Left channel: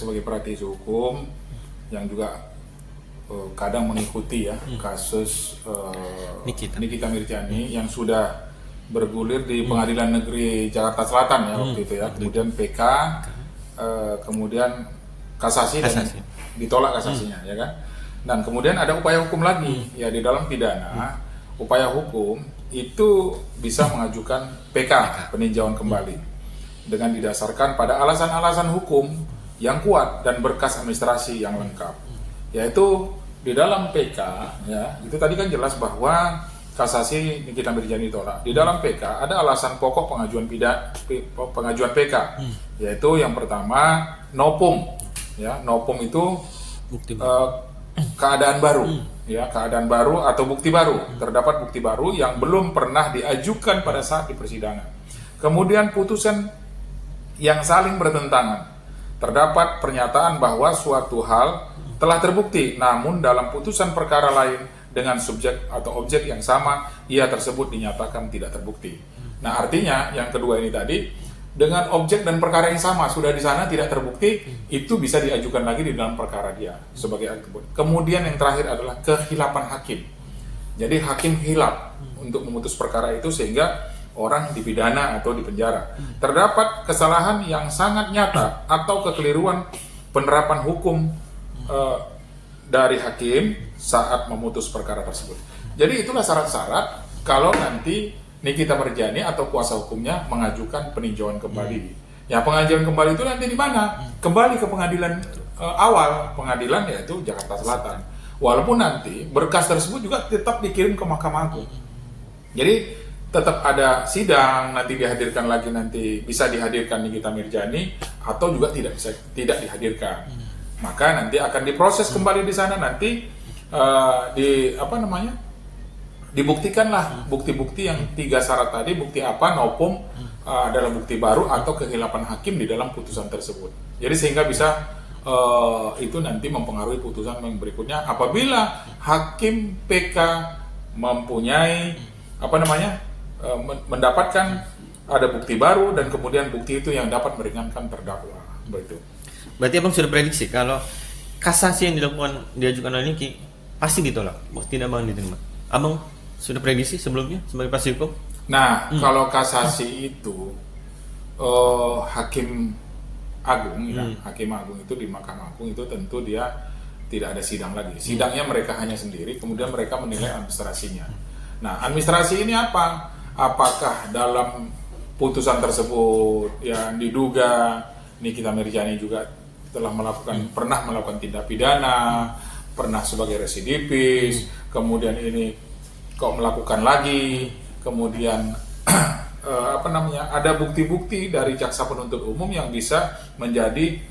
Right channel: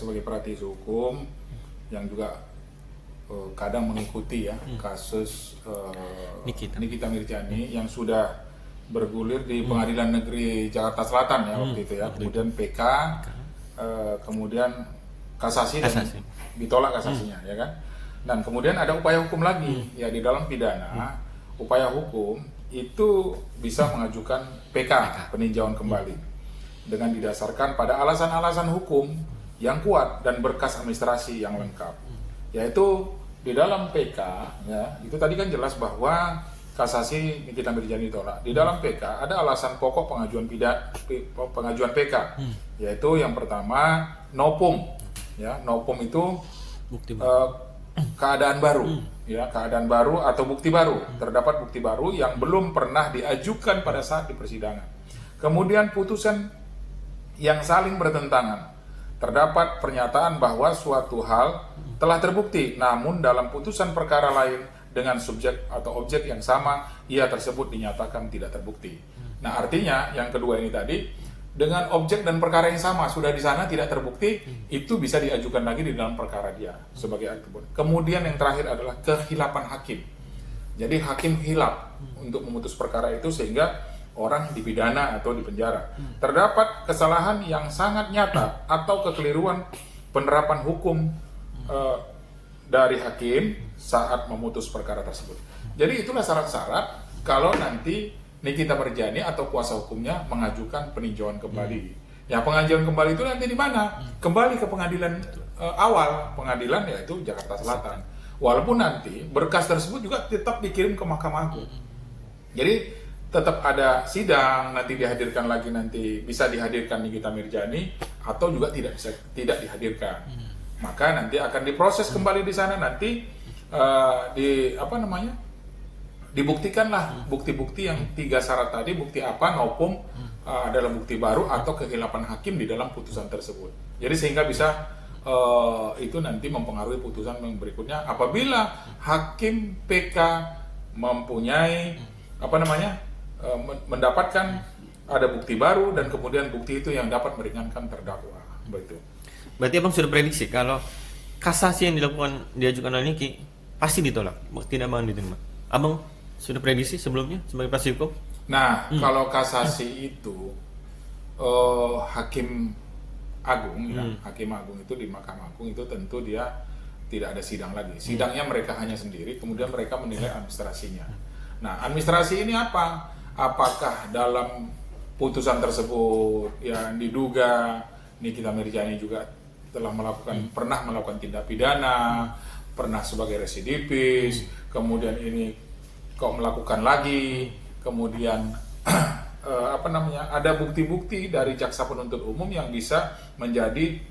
sebagai praktisi hukum yang juga kadang mengikuti ya kasus Nikita Mirzani yang sudah bergulir di Pengadilan Negeri Jakarta Selatan ya waktu itu ya, kemudian PK, kemudian kasasi dan ditolak kasasinya ya kan. Dan kemudian ada upaya hukum lagi ya, di dalam pidana upaya hukum itu bisa mengajukan PK, peninjauan kembali, dengan didasarkan pada alasan-alasan hukum yang kuat dan berkas administrasi yang lengkap. Yaitu di dalam PK ya, itu tadi kan jelas bahwa kasasi Nikita Mirzani ditolak. Di dalam PK ada alasan pokok pengajuan PK, yaitu yang pertama nopung ya, nopung itu keadaan baru ya, keadaan baru atau bukti baru, terdapat bukti baru yang belum pernah diajukan pada saat di persidangan. Kemudian putusan yang saling bertentangan, terdapat pernyataan bahwa suatu hal telah terbukti, namun dalam putusan perkara lain dengan subjek atau objek yang sama, ia tersebut dinyatakan tidak terbukti. Nah, artinya yang kedua ini tadi, dengan objek dan perkara yang sama sudah di sana tidak terbukti, itu bisa diajukan lagi di dalam perkara dia sebagai atribut. Kemudian yang terakhir adalah kehilapan hakim. Jadi hakim hilap untuk memutus perkara itu sehingga orang dipidana atau dipenjara. Terdapat kesalahan yang sangat nyata atau kekeliruan penerapan hukum dari hakim saat memutus perkara tersebut. Jadi itulah syarat-syarat kalau nanti Nikita Mirzani atau kuasa hukumnya mengajukan peninjauan kembali. Ya, pengajuan kembali itu nanti di mana? Kembali ke pengadilan awal, pengadilan yaitu Jakarta Selatan. Walaupun nanti berkas tersebut juga tetap dikirim ke Mahkamah Agung. Jadi tetap ada sidang, nanti dihadirkan lagi, nanti bisa dihadirkan Nikita Mirzani atau juga tidak dihadirkan. Maka nanti akan diproses kembali di sana, nanti dibuktikanlah bukti-bukti yang 3 syarat tadi, bukti apa, nopung adalah bukti baru atau kehilapan hakim di dalam putusan tersebut. Jadi sehingga bisa itu nanti mempengaruhi putusan yang berikutnya apabila hakim PK mempunyai mendapatkan ada bukti baru dan kemudian bukti itu yang dapat meringankan terdakwa. Begitu. Berarti abang sudah prediksi kalau kasasi yang diajukan oleh Niki pasti ditolak, tidak akan diterima. Abang sudah prediksi sebelumnya sebagai praktisi hukum? Nah, kalau kasasi itu hakim agung ya, hakim agung itu di Mahkamah Agung itu tentu dia tidak ada sidang lagi. Sidangnya mereka hanya sendiri, kemudian mereka menilai administrasinya. Nah, administrasi ini apa? Apakah dalam putusan tersebut yang diduga Nikita Mirzani juga telah pernah melakukan tindak pidana, pernah sebagai residivis, kemudian ini kok melakukan lagi, kemudian ada bukti-bukti dari jaksa penuntut umum yang bisa menjadi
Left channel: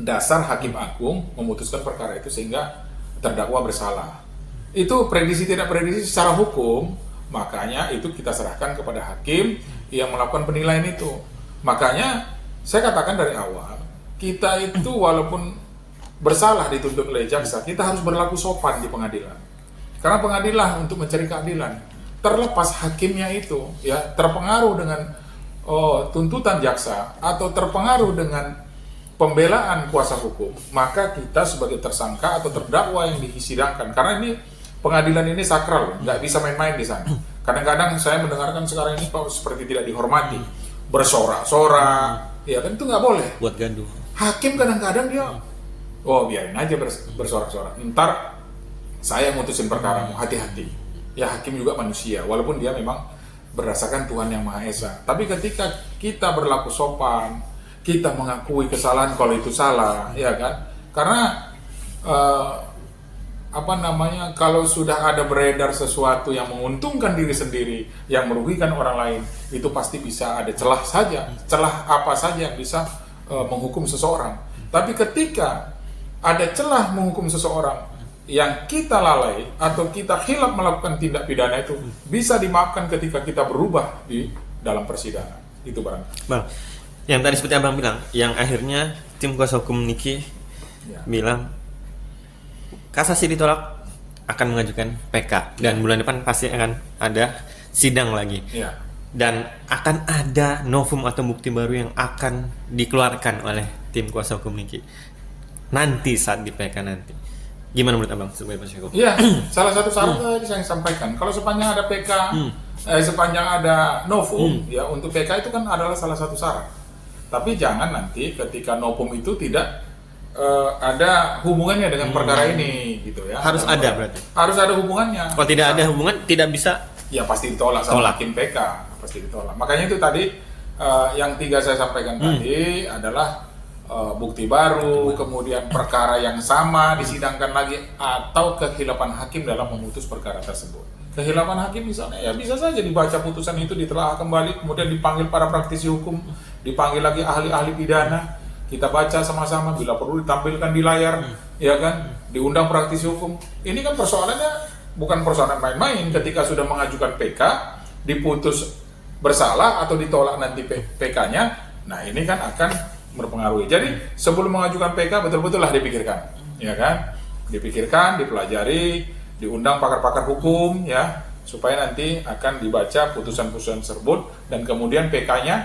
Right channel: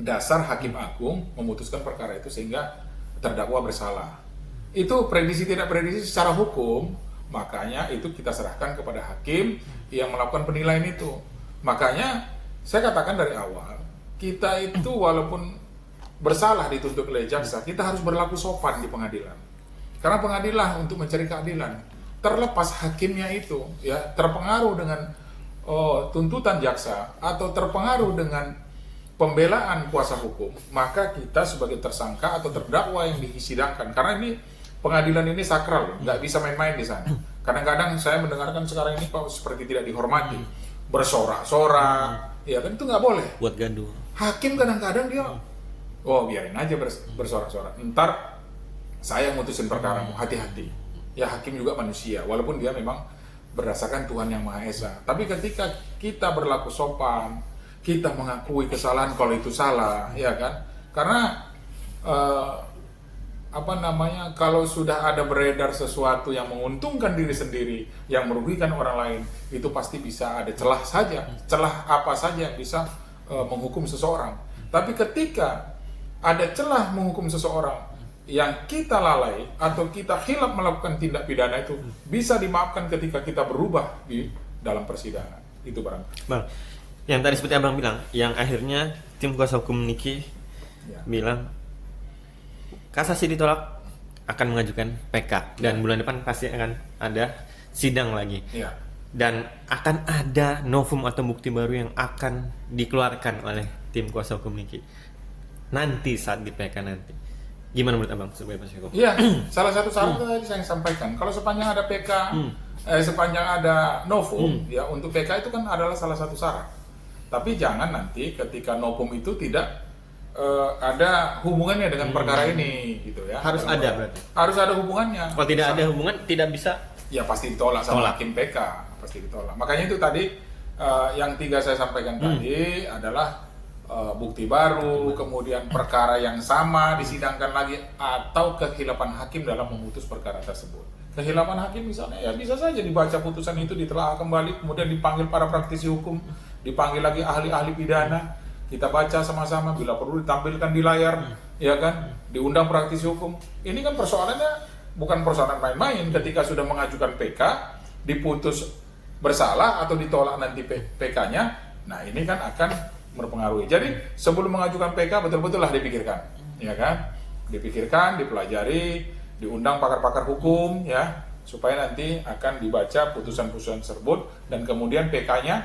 dasar hakim agung memutuskan perkara itu sehingga terdakwa bersalah. Itu prediksi tidak prediksi secara hukum, makanya itu kita serahkan kepada hakim yang melakukan penilaian itu. Makanya saya katakan dari awal, kita itu walaupun bersalah dituntut oleh jaksa, kita harus berlaku sopan di pengadilan. Karena pengadilan untuk mencari keadilan. Terlepas hakimnya itu ya terpengaruh dengan tuntutan jaksa atau terpengaruh dengan pembelaan kuasa hukum, maka kita sebagai tersangka atau terdakwa yang disidangkan, karena ini pengadilan ini sakral, nggak bisa main-main di sana. Kadang-kadang saya mendengarkan sekarang ini kok seperti tidak dihormati, bersorak-sorak, ya kan itu nggak boleh. Buat gaduh. Hakim kadang-kadang dia, biarin aja bersorak-sorak. Ntar saya mutusin perkaramu, hati-hati. Ya hakim juga manusia, walaupun dia memang berdasarkan Tuhan Yang Maha Esa. Tapi ketika kita berlaku sopan, kita mengakui kesalahan kalau itu salah, ya kan? Karena kalau sudah ada beredar sesuatu yang menguntungkan diri sendiri, yang merugikan orang lain, itu pasti bisa ada celah apa saja yang bisa menghukum seseorang. Tapi ketika ada celah menghukum seseorang yang kita lalai atau kita hilap melakukan tindak pidana, itu bisa dimaafkan ketika kita berubah di dalam persidangan. Itu Bang. Yang tadi seperti Abang bilang, yang akhirnya tim kuasa hukum Niki bilang kasasi ditolak, akan mengajukan PK dan bulan depan pasti akan ada sidang lagi. Dan akan ada novum atau bukti baru yang akan dikeluarkan oleh tim kuasa hukum Niki nanti saat di PK nanti? Gimana menurut Abang sebagai kuasa hukum? Iya, salah satu syarat tadi saya sampaikan. Kalau sepanjang ada PK, sepanjang ada novum, ya untuk PK itu kan adalah salah satu syarat. Tapi jangan nanti ketika novum itu tidak ada hubungannya dengan perkara ini, gitu ya. Harus ada berarti. Harus ada hubungannya. Kalau tidak ada hubungan, tidak bisa. Ya pasti ditolak sama hakim PK, pasti ditolak. Makanya itu tadi yang 3 saya sampaikan tadi adalah bukti baru, kemudian perkara yang sama disidangkan lagi, atau kehilapan hakim dalam memutus perkara tersebut. Kehilapan hakim misalnya, ya bisa saja dibaca putusan itu, ditelaah kembali, kemudian dipanggil para praktisi hukum, dipanggil lagi ahli-ahli pidana, kita baca sama-sama, bila perlu ditampilkan di layar, ya kan, diundang praktisi hukum. Ini kan persoalannya bukan persoalan main-main. Ketika sudah mengajukan PK, diputus bersalah atau ditolak nanti PK-nya, nah ini kan akan berpengaruh. Jadi sebelum mengajukan PK betul-betul lah dipikirkan, ya kan, dipikirkan, dipelajari, diundang pakar-pakar hukum, ya, supaya nanti akan dibaca putusan-putusan tersebut, dan kemudian PK-nya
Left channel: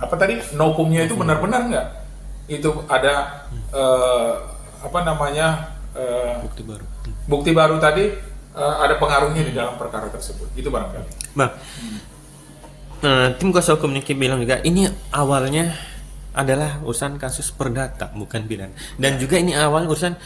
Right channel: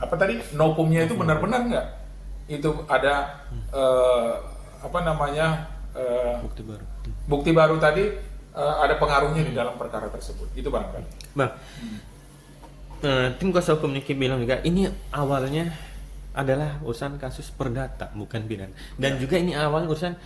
apa tadi, novumnya itu benar-benar nggak, itu ada bukti baru tadi, ada pengaruhnya di dalam perkara tersebut. Itu barangkali. Bang, tim kuasa hukum Niki bilang juga ini awalnya adalah urusan kasus perdata, bukan pidana, dan juga ini awal urusan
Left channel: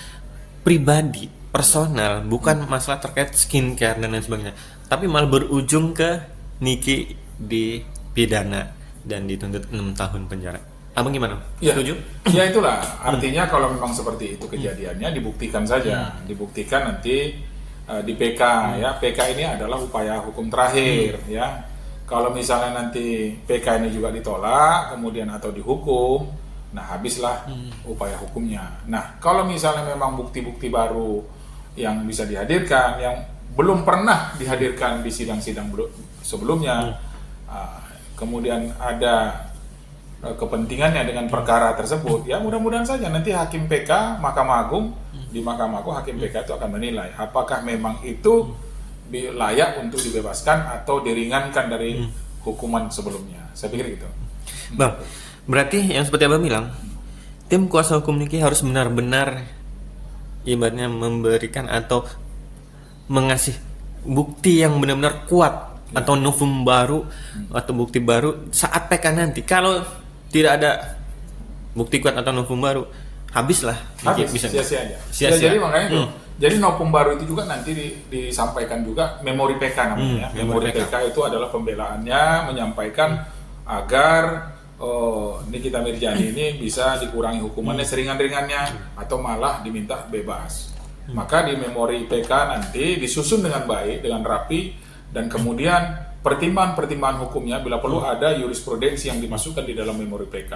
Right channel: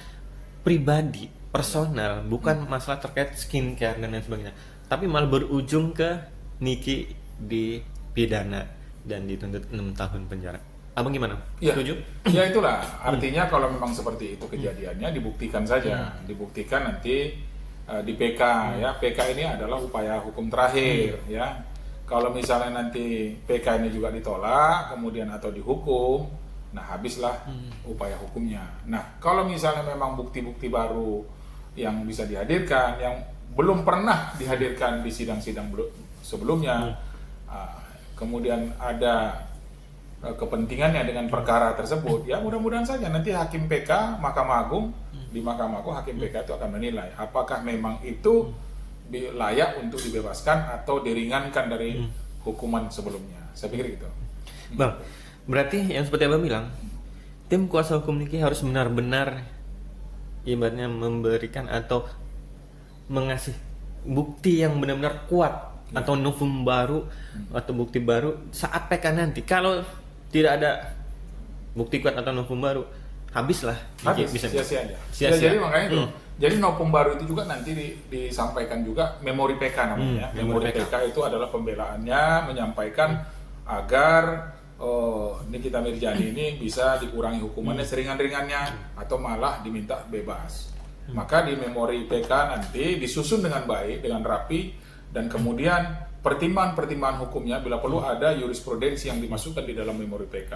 pribadi, personal, bukan masalah terkait skincare dan lain sebagainya, tapi malah berujung ke Niki di pidana dan dituntut 6 tahun penjara. Abang gimana? Ya, setuju? Ya itulah artinya kalau memang seperti itu kejadiannya, dibuktikan saja, dibuktikan nanti di PK, ya. PK ini adalah upaya hukum terakhir, ya. Kalau misalnya nanti PK ini juga ditolak, kemudian atau dihukum, nah habislah upaya hukumnya. Nah, kalau misalnya memang bukti-bukti baru yang bisa dihadirkan, yang belum pernah dihadirkan di sidang-sidang sebelumnya, kemudian ada kepentingannya dengan perkara tersebut, ya mudah-mudahan saja nanti hakim PK, Mahkamah Agung, di Mahkamah Agung hakim PK itu akan menilai apakah memang itu layak untuk dibebaskan atau diringankan dari hukuman sebelumnya. Saya pikir gitu. Bang, berarti yang seperti Abang bilang, tim kuasa hukum Niki harus benar-benar ibaratnya memberikan atau mengasih bukti yang benar-benar kuat, atau novum baru atau bukti baru saat PK nanti. Kalau tidak ada bukti kuat atau novum baru, habislah. Habis, sia-sia aja. Sia-sia. Jadi makanya itu. Jadi novum baru itu juga nanti disampaikan juga memori PK namanya. Memori PK itu adalah pembelaannya, menyampaikan agar Nikita Mirzani ini bisa dikurangi hukumannya seringan-ringannya atau malah diminta bebas. Maka di memori PK nanti disusun dengan baik, dengan rapi, dan kemudian pertimbangan-pertimbangan hukumnya bila perlu ada jurisprudensi yang dimasukkan di dalam memori PK.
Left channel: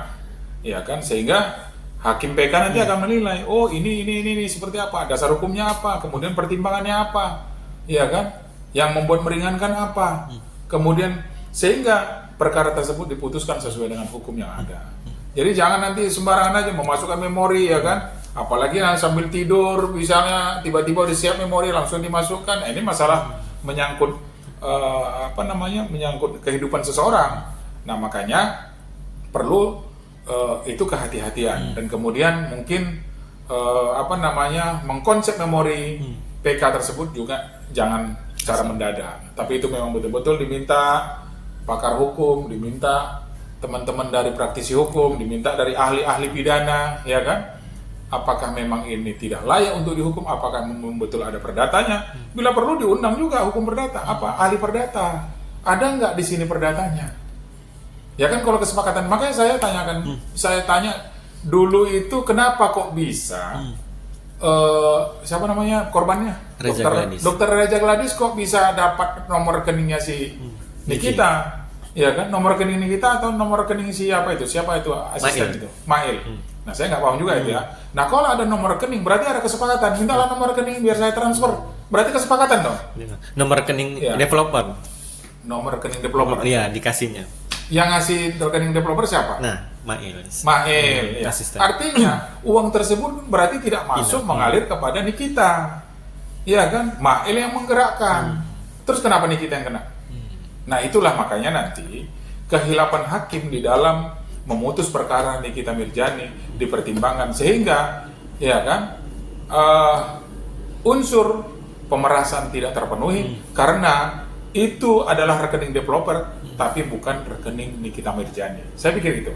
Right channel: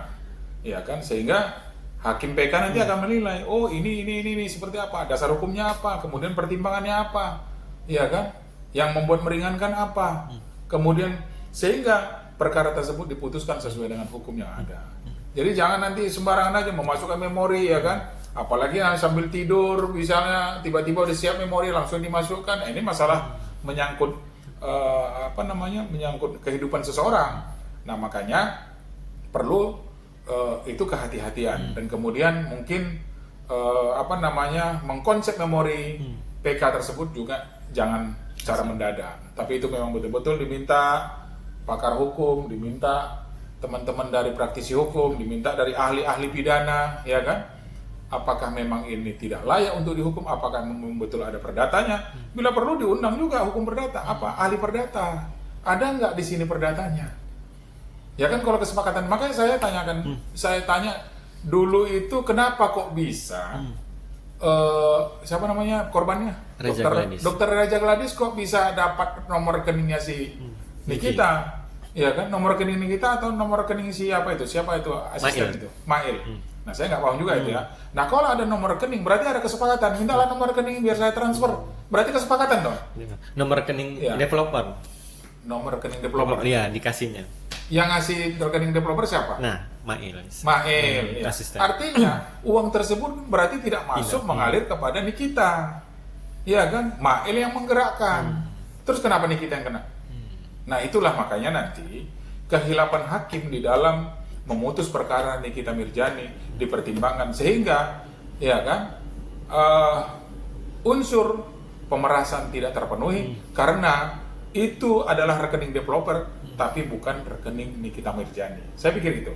Ya kan, sehingga hakim PK nanti akan menilai, oh ini seperti apa, dasar hukumnya apa, kemudian pertimbangannya apa, ya kan, yang membuat meringankan apa, kemudian sehingga perkara tersebut diputuskan sesuai dengan hukum yang ada. Jadi jangan nanti sembarangan aja memasukkan memori, ya kan, apalagi sambil tidur misalnya tiba-tiba udah siap memori langsung dimasukkan. Ini masalah menyangkut menyangkut kehidupan seseorang. Nah makanya perlu itu kehati-hatian, dan kemudian mungkin mengkonsep memori PK tersebut juga jangan secara mendadak, tapi itu memang betul-betul diminta pakar hukum, diminta teman-teman dari praktisi hukum, diminta dari ahli-ahli pidana, ya kan, apakah memang ini tidak layak untuk dihukum, apakah memang betul ada perdatanya, bila perlu diundang juga hukum perdata, ahli perdata, ada nggak di sini perdatanya. Ya kan, kalau kesepakatan, makanya saya tanya dulu itu kenapa kok bisa siapa namanya korbannya, dokter Reja Gladys kok bisa dapat nomor rekeningnya si Nikita, ya kan, nomor rekening Nikita atau nomor rekening siapa itu asisten itu Mail. Nah saya nggak paham juga itu ya. Nah kalau ada nomor rekening berarti ada kesepakatan, mintalah nomor rekening biar saya transfer, berarti kesepakatan dong. Nomor rekening developer. Nomor rekening developer. Iya, dikasihnya. Yang ngasih rekening developer siapa? Nah, Mail. Ya. Artinya uang tersebut berarti tidak masuk mengalir kepada Nikita. Iya kan? Mail yang menggerakkan. Terus kenapa Nikita yang kena? Nah, itulah makanya nanti kehilapan hakim di dalam memutus perkara Nikita Mirjani dipertimbangkan, sehingga ya kan unsur pemerasan tidak terpenuhi karena itu adalah rekening developer tapi bukan rekening Nikita Mirjani. Saya pikir itu.